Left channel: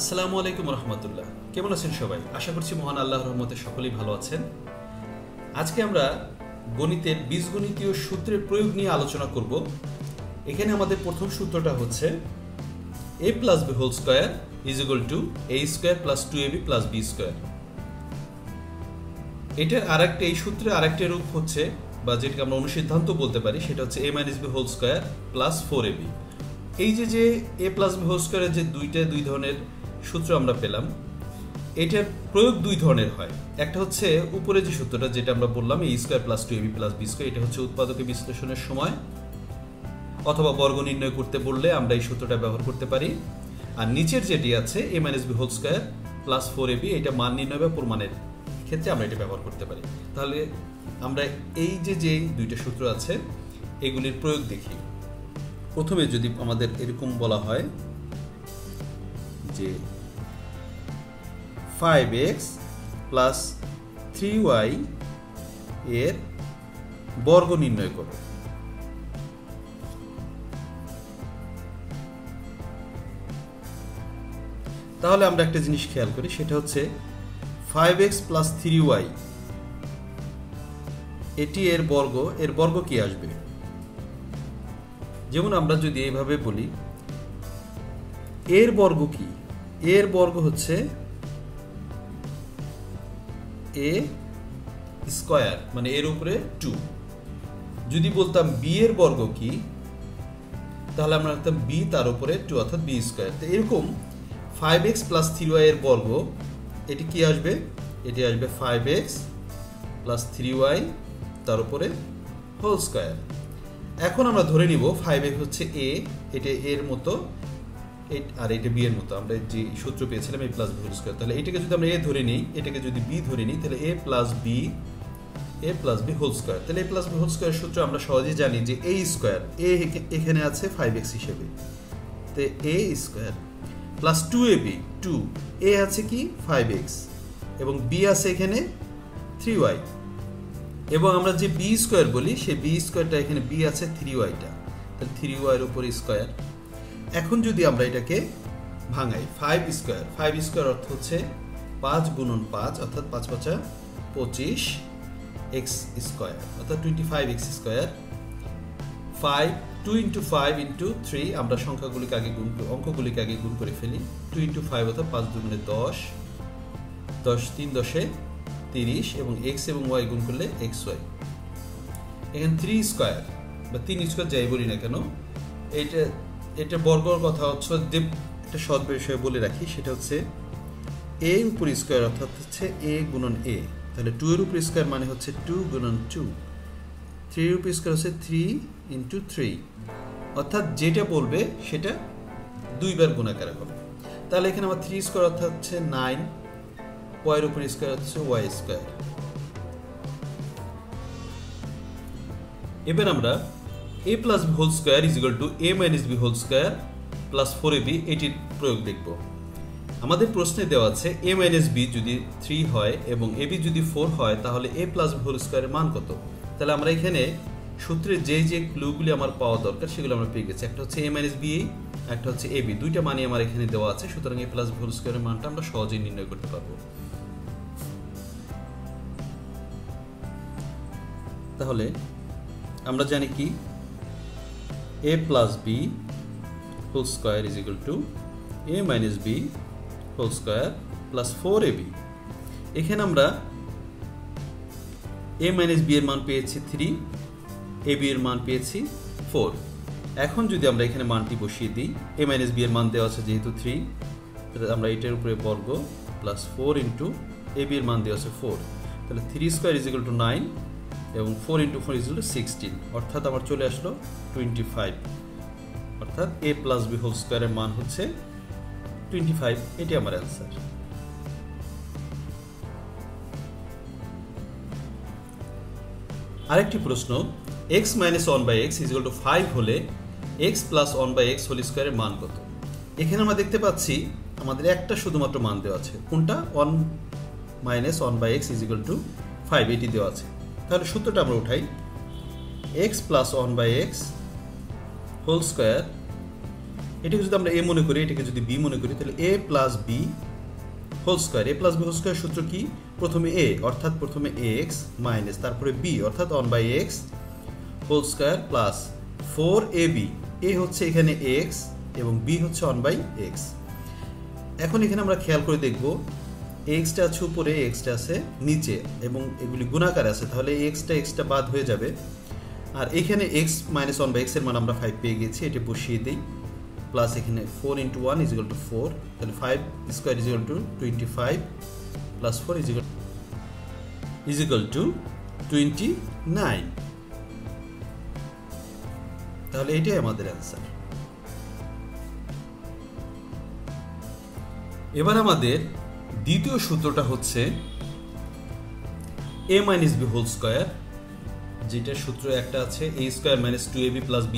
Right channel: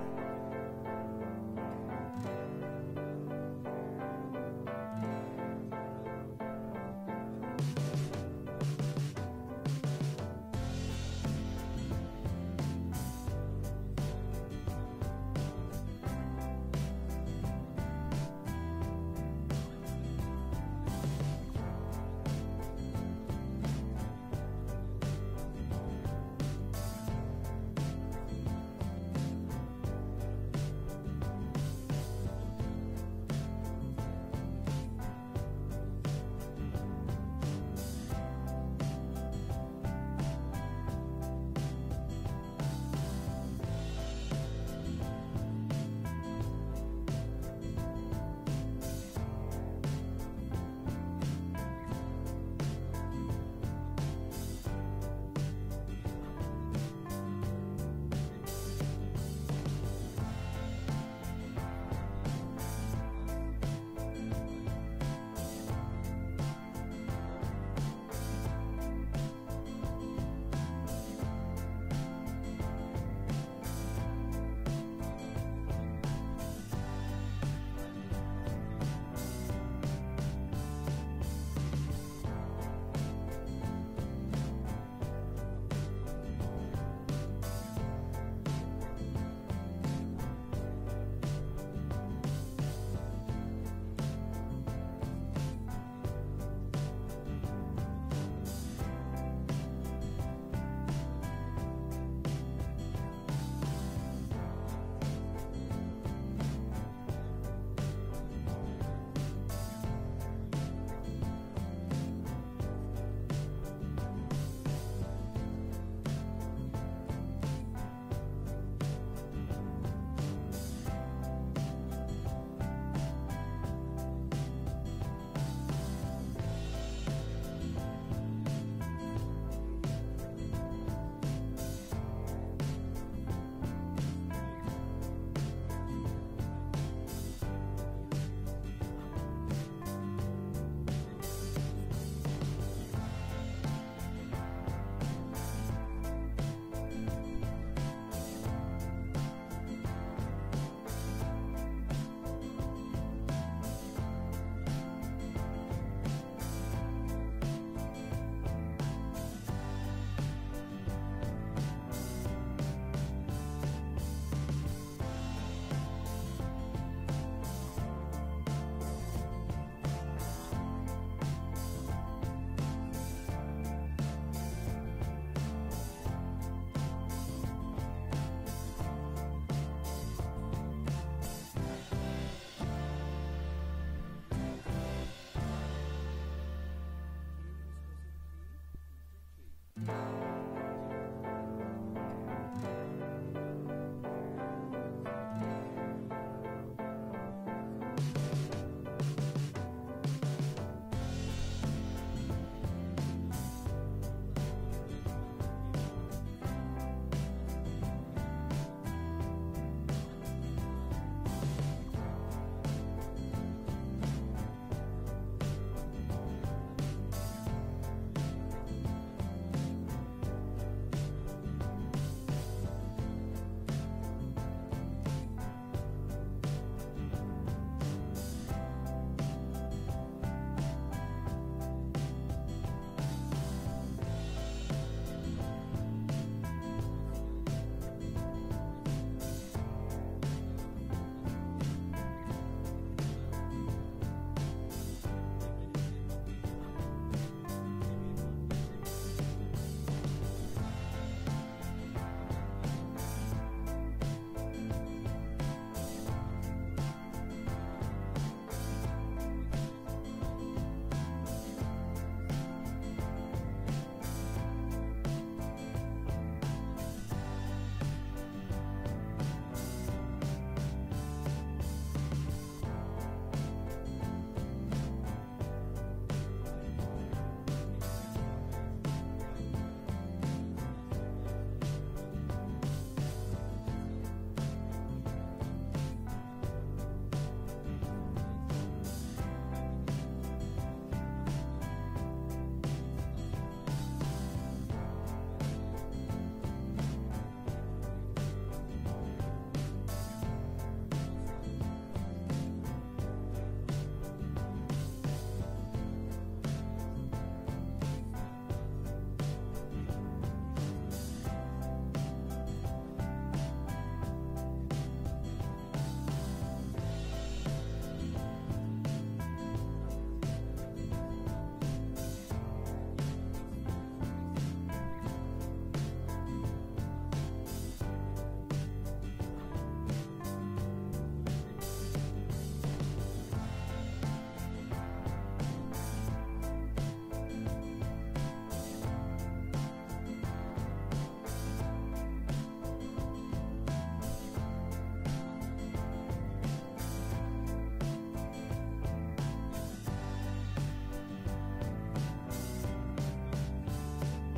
আসসালামু আলাইকুম রহমতুল্লাহ। কেমন আছেন সবাই? আশা করছি মহান আল্লাহর রহমতে সকলেই ভালো আছেন। আজকে আমরা গণিতের বীজগণিতীয় সূত্রের প্রয়োগ নিয়ে আলোচনা করব। এখানে আমাদের প্রথম সূত্রটা হচ্ছে a plus b whole square is equal to a square plus 2ab plus b square। এটার আরেকটা, এই সূত্রের আরেকটা রূপ হচ্ছে, বা যেটাকে আমরা অনুসিদ্ধান্ত বলতে পারি, সেটা হচ্ছে a minus b whole square plus 4ab। এই যে a plus b whole square যে দুই ধরনের সূত্র আমরা পেলাম, এটার প্রয়োগ দুই ধরনের হয়। একটা হচ্ছে উপরে যে সূত্রটা, যেটা আমরা বললাম a square plus 2ab plus b square, এটা হচ্ছে উৎপাদকে বিশ্লেষণের সময় অথবা বর্গ নির্ণয় করতে বললে আমরা এই সূত্রটা ব্যবহার করতে পারি। আর নিচের যেটি আছে a minus b whole square plus 4ab, এটা মান নির্ণয় বা প্রমাণের ক্ষেত্রে আমরা এটা ব্যবহার করতে পারি। তাহলে আমরা এই যে দুইটা সূত্র আছে এগুলির প্রয়োগ দেখি। প্রথমে যদি আমাদের এরকম বলা হয় যে 5x প্লাস 3y এর বর্গ নির্ণয় করো, তাহলে আমরা একটা জিনিস খেয়াল করি, সেটা হচ্ছে 5x প্লাস 3y এটি এর বর্গ কি আসবে। যেমন আমরা যদি এইভাবে বলি এর বর্গ কি, এর বর্গ হচ্ছে a স্কয়ার, মানে এর উপরে 2। যদি বলতাম b এর বর্গ কি, তাহলে আমরা লিখতাম b তার উপরে 2, অর্থাৎ b স্কয়ার। তো এরকম 5x প্লাস 3y এর বর্গ এটি কি আসবে, এটি আসবে 5x প্লাস 3y তার উপরে হোল স্কয়ার। এখন আমরা ধরে নিব 5x হচ্ছে a, এটা এর মতো, আর এটা b এর মতো। আমরা যে সূত্র পেয়েছিলাম a plus b whole square, তাহলে এটাকে যদি আমরা a ধরে নিই, এটাকে যদি b ধরে নিই, তাহলে a plus b whole square. তাহলে a plus b whole square সূত্র আমরা সহজেই জানি যে a স্কয়ার, a এখানে আছে 5x হিসেবে, তো a square plus 2ab, 2 a আছে কি 5x এবং b আছে এখানে 3y, এবং আমরা যে b স্কয়ার বলি সেই b স্কয়ারটা এখানে b আছে 3y টা, তাহলে 3y এর উপর স্কয়ার। এখন যদি আমরা এটাকে ভাঙাই, 5 স্কয়ার অর্থ হচ্ছে 5 গুণন 5, অর্থাৎ 5 5 25 x স্কয়ার, অর্থাৎ 25x স্কয়ার। 5 2 into 5 into 3, আমরা অঙ্কগুলিকে আগে গুণ করে ফেলি। 2 into 5 অর্থাৎ 5 গুণে 10, 10 3 10 30, এবং x এবং y গুণ করলে xy। এখানে 3 স্কয়ার বা 3 স্কয়ার যাই বলি না কেন, এটা বর্গর কথা হচ্ছে, যে একটা সহজ বিষয় বলে রাখি, সেটা হচ্ছে a উপর স্কয়ার, অর্থাৎ হচ্ছে a গুণন a। তাহলে 2 এর উপর স্কয়ার মানে হচ্ছে 2 গুণন 2, 3 এর উপর স্কয়ার হচ্ছে 3 into 3, অর্থাৎ যেটা বলবে সেটা দুইবার গুণাকার হবে। তাহলে এখানে আমার 3 স্কয়ার অর্থাৎ হচ্ছে 9, y এর উপর স্কয়ার হচ্ছে y স্কয়ার। এবার আমরা a plus b whole square is equal to a minus b whole square plus 4ab এটির প্রয়োগ দেখব। আমাদের প্রশ্নে দেওয়া আছে a minus b যদি 3 হয় এবং ab যদি 4 হয়, তাহলে a plus b whole square এর মান কত। তাহলে আমরা এখানে সূত্রে যে ক্লুগুলি আমার পাওয়া দরকার সেগুলো আমরা পেয়ে গেছি। একটা হচ্ছে a minus b, একটা হচ্ছে ab, দুইটা মানই আমার এখানে দেওয়া আছে, সুতরাং a plus b whole square এর মানটা আমরা সহজেই নির্ণয় করতে পারবো। তাহলে আমরা জানি কি a plus b whole square is equal to a minus b whole square plus 4ab। এখানে আমরা a minus b এর মান পেয়েছি 3, ab এর মান পেয়েছি 4। এখন যদি আমরা এখানে মানটি বসিয়ে দিই, a minus b এর মান দেওয়া আছে যেহেতু 3, তাহলে আমরা এটার উপরে বর্গ প্লাস 4 ইন্টু ab এর মান দেওয়া আছে 4, তাহলে 3 স্কয়ার ইজ ইকুয়াল টু 9 এবং 4 into 4 is equal to 16, অর্থাৎ আমার চলে আসলো 25, অর্থাৎ a plus b whole square এর মান হচ্ছে 25। এটি আমার অ্যান্সার। আরেকটি প্রশ্ন, x minus 1 by x is equal to 5 হলে x plus 1 by x whole square এর মান কত। এখানে আমরা দেখতে পাচ্ছি আমাদের একটা শুধুমাত্র মান দেওয়া আছে, কোনটা, 1 minus 1 by x is equal to 5, এটি দেওয়া আছে। তাহলে সূত্রটা আমরা উঠাই, x plus 1 by x whole square এটাকে যদি আমরা এ মনে করি, এটাকে যদি বি মনে করি, তাহলে এ প্লাস বি হোল স্কোয়ার। এ প্লাস বি হোল স্কোয়ার সূত্র কি? প্রথমে এ অর্থাৎ প্রথমে এক্স মাইনাস তারপরে বি অর্থাৎ 1/x whole square plus 4ab। এ হচ্ছে এখানে এক্স এবং বি হচ্ছে 1/x। এখন এখানে আমরা খেয়াল করে দেখব এক্সটা আছে উপরে, এক্সটা আছে নিচে এবং এগুলি গুণাকার আছে, তাহলে এক্সটা বাদ হয়ে যাবে। আর এখানে এক্স মাইনাস 1/x এর মান আমরা 5 পেয়ে গেছি, এটা বসিয়ে দিই। প্লাস এখানে 4 × 1 = 4, তাহলে 5 স্কোয়ার = 25 প্লাস 4 = 29। তাহলে এটাই আমাদের অ্যান্সার। এবার আমাদের দ্বিতীয় সূত্রটা হচ্ছে a - b হোল স্কয়ার, যেটার সূত্র একটা আছে a² - 2ab + b²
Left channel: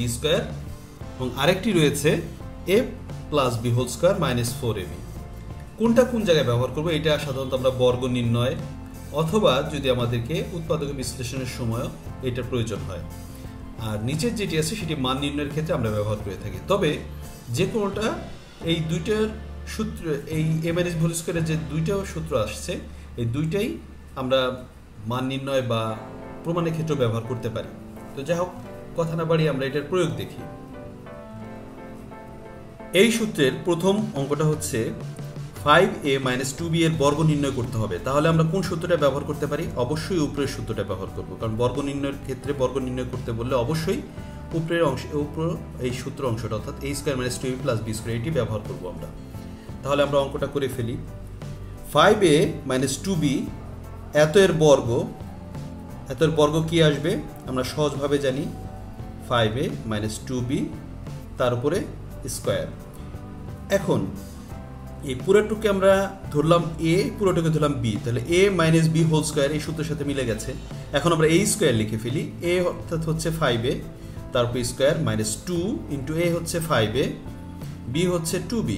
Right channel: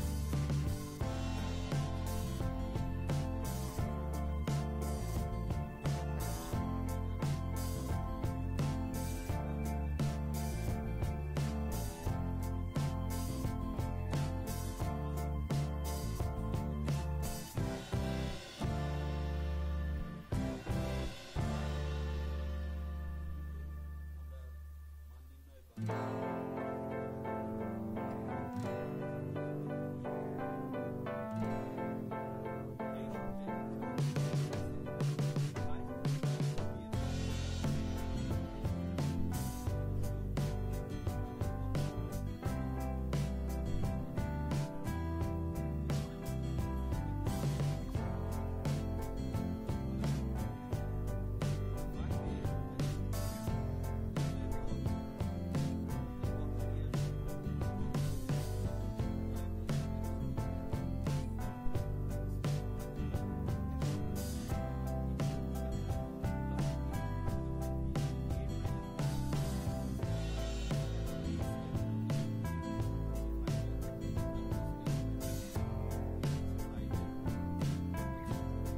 এবং আরেকটি রয়েছে a + b whole square - 4ab। কোনটা কোন জায়গায় ব্যবহার করব? এটা সাধারণত আমরা বর্গ নির্ণয় অথবা যদি আমাদেরকে উৎপাদক বিশ্লেষণের সময় এটার প্রয়োজন হয়। আর নিচের যেটি আছে সেটি মান নির্ণয়ের ক্ষেত্রে আমরা ব্যবহার করে থাকি। তবে যে কোনোটা এই দুইটার সূত্র, এই a - b হোল স্কয়ারের যে দুইটা সূত্র আসছে, এই দুইটাই আমরা মান নির্ণয় বা প্রমাণের ক্ষেত্রে ব্যবহার করতে পারি। তো যাই হোক, কথা না বাড়িয়ে আমরা এটার প্রয়োগ দেখি। এই সূত্রের প্রথম অঙ্কটা হচ্ছে 5a - 2b এর বর্গ নির্ণয় করতে হবে। তাহলে আমরা কোন সূত্রটা ব্যবহার করতে পারি? অবশ্যই উপরের সূত্রটা ব্যবহার করব, কারণ বর্গ নির্ণয়ের ক্ষেত্রে বর্গ নির্ণয় করতে বললে অবশ্যই উপরের অংশ, এই সূত্র অংশটা অর্থাৎ a² - 2ab + b² এটি ব্যবহার করব আমরা। তাহলে আমরা অঙ্কটা করে ফেলি। 5a - 2b এত এর বর্গ কি আসবে? আমরা সহজভাবে জানি 5a - 2b তার উপরে স্কয়ার। এখন এই পুরোটুকে আমরা ধরলাম a, পুরোটুকে ধরলাম b, তাহলে a - b হোল স্কয়ার এই সূত্রের সাথে মিলে গেছে। এখন আমরা a² লিখে ফেলি। a অর্থাৎ হচ্ছে 5a তার উপর স্কয়ার -2 × a হচ্ছে 5a, b হচ্ছে 2b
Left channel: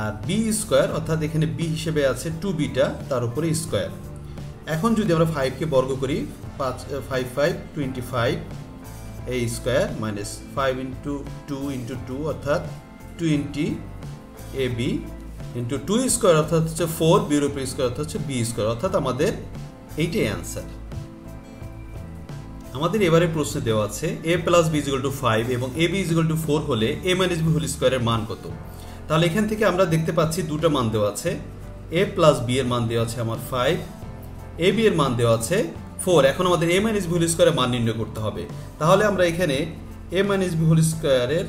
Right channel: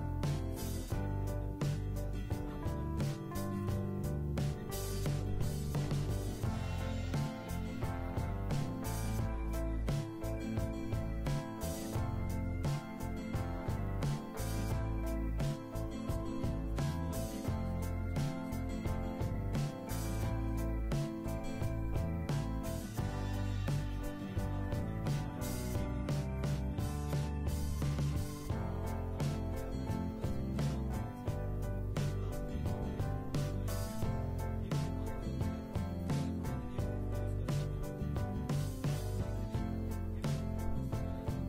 আর b স্কয়ার অর্থাৎ এখানে b হিসেবে আছে 2bটা তার উপরে স্কয়ার। এখন যদি আমরা 5 কে বর্গ করি, 5 5 25 a স্কয়ার -5 × 2 × 2 অর্থাৎ 20ab × 2 স্কয়ার অর্থাৎ হচ্ছে 4, b এর উপর স্কয়ার অর্থাৎ হচ্ছে b স্কয়ার, অর্থাৎ আমাদের এইটাই অ্যান্সার। আমাদের এবারে প্রশ্নে দেওয়া আছে a + b = 5 এবং ab = 4 হলে a - b হোল স্কয়ারের মান কত? তাহলে এখান থেকে আমরা দেখতে পাচ্ছি দুটো মান দেওয়া আছে। a + b এর মান দেওয়া আছে আমার 5, ab এর মান দেওয়া আছে 4। এখন আমাদের a - b হোল স্কয়ারের মান নির্ণয় করতে হবে। তাহলে আমরা এখানে a - b হোল স্কয়ারের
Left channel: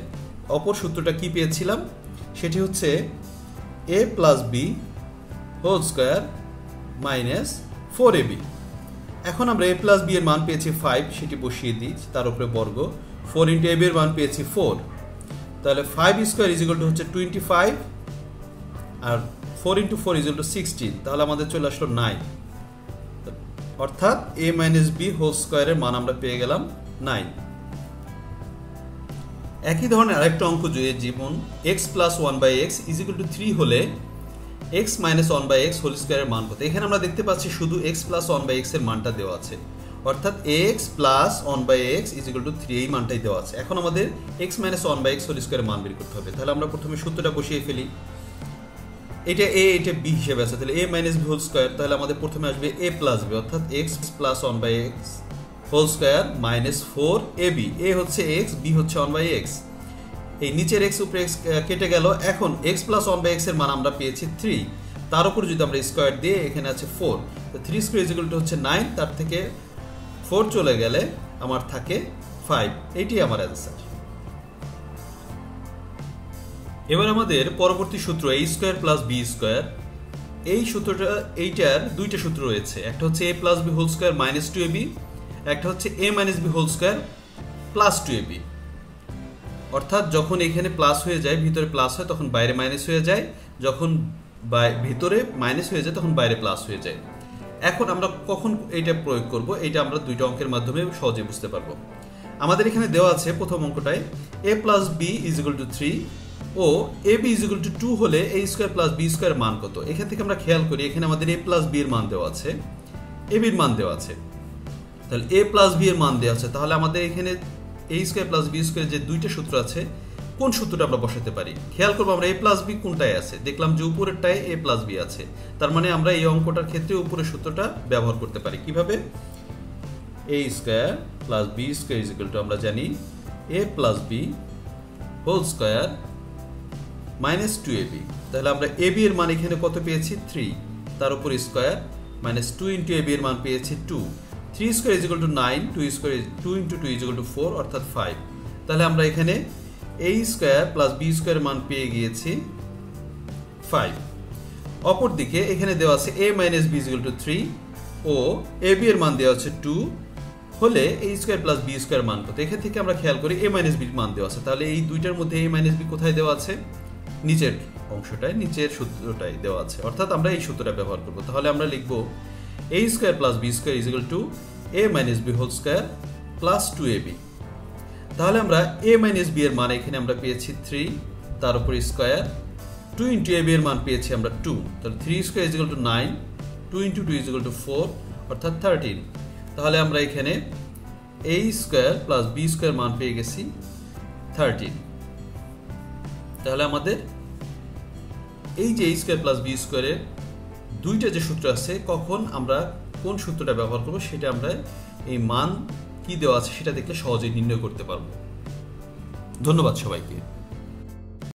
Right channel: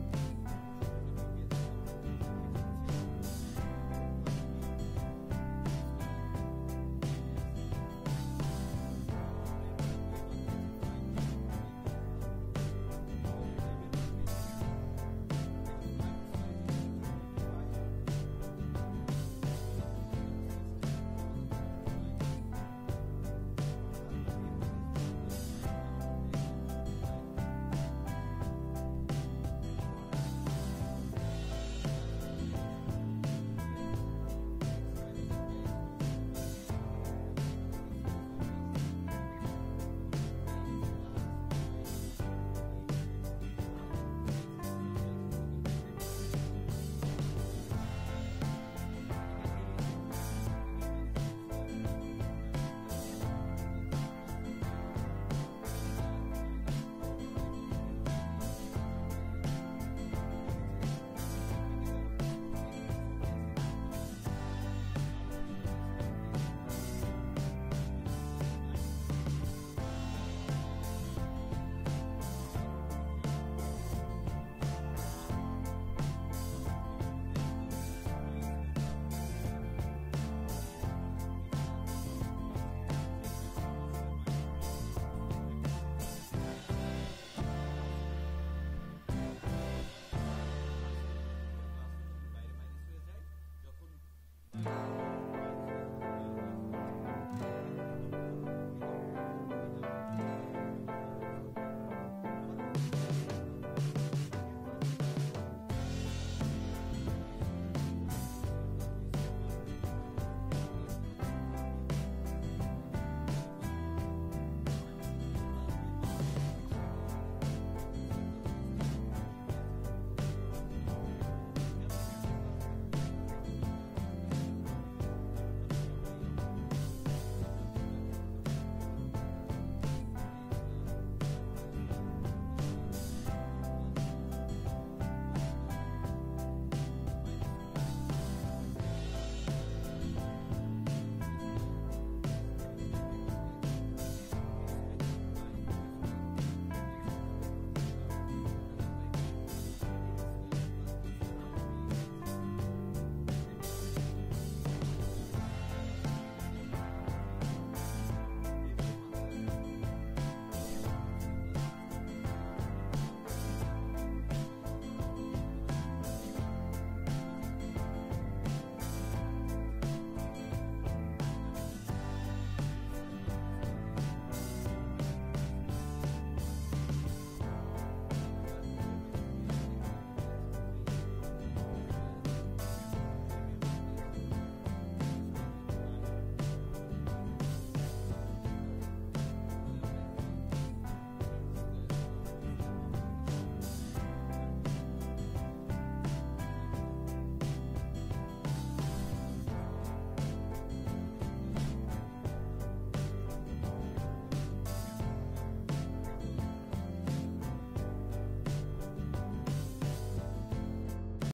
অপর সূত্রটা কি পেয়েছিলাম? সেটি হচ্ছে a + b whole square - 4ab। এখন আমরা a + b এর মান পেয়েছি 5, সেটি বসিয়ে দিই, তার উপরে বর্গ 4 × ab এর মান পেয়েছি 4, তাহলে 5² হচ্ছে 25 আর 4 × 4 = 16, তাহলে আমাদের চলে আসলো 9, অর্থাৎ a - b হোল স্কয়ারের মান আমরা পেয়ে গেলাম 9। একই ধরনের আরেকটা অঙ্ক যদি যেমন x + 1/x = 3 হলে x - 1/x হোল স্কয়ারের মান কত? এখানে আমরা দেখতে পাচ্ছি শুধু x + 1/x এর মানটা দেওয়া আছে, অর্থাৎ x + 1/x = 3 এই মানটাই দেওয়া আছে। এখন আমাদের x - 1/x হোল স্কয়ারের মান বের করতে হবে। তাহলে আমরা প্রথমে সূত্রটা বসিয়ে ফেলি। এটা a, এটা b হিসেবে আছে, তাহলে a - b হোল স্কয়ার, তাহলে আমাদের প্রথমে আসবে a + b অর্থাৎ x + 1/x whole square -4ab। a হচ্ছে x, b হচ্ছে 1/x, এই নিচের x উপরে x কেটে গেল। এখন x + 1/x এর মান আমরা পেয়েছি 3, তার উপর যদি আমরা স্কয়ার দিয়ে, এখানে আছে 4, তো 3² হচ্ছে 9, তার থেকে 4 চলে গেলে আমার থাকে 5। এইটাই আমার অ্যান্সার। এবার আমাদের পরবর্তী সূত্র a² + b²। এই সূত্রটা, এইটার দুইটা সূত্র রয়েছে, একটা হচ্ছে a + b whole square -2ab, একটা হচ্ছে a - b whole square +2ab। অর্থাৎ যখন এখানে প্লাস হয়ে যায়, ভিতরে প্লাস হয়, তখন বাইরে মাইনাস হয়ে যায়, যখন ভিতরে মাইনাস হয়ে যায় তখন বাইরে প্লাস হয়ে যায়। এখন আমরা কখন এইটা প্রয়োগ করব, এটা আমরা দুইটা অঙ্কের মাধ্যমে সহজে বুঝতে পারবো। আমাদের এখানে দেওয়া আছে প্রথম অঙ্কটায় a + b = 3 ও ab = 2 হলে a² + b² মান কত? এখান থেকে আমরা খেয়াল করি, এখানে আমাদের a + b এর মান দেওয়া আছে, ab এর মান দেওয়া আছে, তাহলে a + b এর মান দেওয়া আছে। তাহলে আমাদের এখানে a² + b² যে দুইটা সূত্র আছে, কোন সূত্রটা আমরা বসাতে পারি? খেয়াল করবো আমরা a প্লাস বি কোনটায় আছে, দেখলাম যে উপরেরটায় a প্লাস বি আছে, তার মানে আমরা এই অঙ্কটার ক্ষেত্রে উপরের সূত্রটা ব্যবহার করতে পারি। কিভাবে? a square plus b square is equal to আমরা জানি a plus b whole square minus 2ab। তাহলে আমরা ab এর মান এখানে কত পেয়েছি? 3, তার উপর স্কয়ার মাইনাস 2 ইন্টু ab এর মান পেয়েছি 2, 3 square is equal to 9, 2 square 2 into 2 is equal to 4 অর্থাৎ 5। তাহলে আমরা এখানে a square plus b square মান পেয়ে গিয়েছি 5। অপরদিকে এখানে দেওয়া আছে a minus b is equal to 3 ও ab এর মান দেওয়া আছে 2 হলে a square plus b square মান কত? এখান থেকে আমরা খেয়াল করি a মাইনাস b মান দেওয়া আছে, তাহলে এই দুইটার মধ্যে a মাইনাস b কোথায় দেওয়া আছে? নিচের অংশটায়, নিচের সূত্রটায় দেওয়া আছে, অর্থাৎ আমরা এই সূত্রটা ব্যবহার করব। তাহলে আমরা লিখব a square plus b square is equal to a minus b whole square plus 2ab। তাহলে আমরা a মাইনাস b এর মান এখানে আমরা পেয়েছি 3, তার উপর স্কয়ার 2 ইন্টু ab এর মান পেয়েছি আমরা 2, তাহলে 3 square is equal to 9, 2 into 2 is equal to 4 অর্থাৎ 13। তাহলে আমরা এখানে a square plus b square মান পেয়ে গেছি 13। তাহলে আমাদের এই যে a স্কয়ার প্লাস b স্কয়ারের দুইটা যে সূত্র আছে, কখন আমরা কোন সূত্রটা ব্যবহার করব সেটা আমরা এই মান কি দেওয়া আছে সেটা দেখলে সহজেই নির্ণয় করতে পারবো। ধন্যবাদ সবাইকে।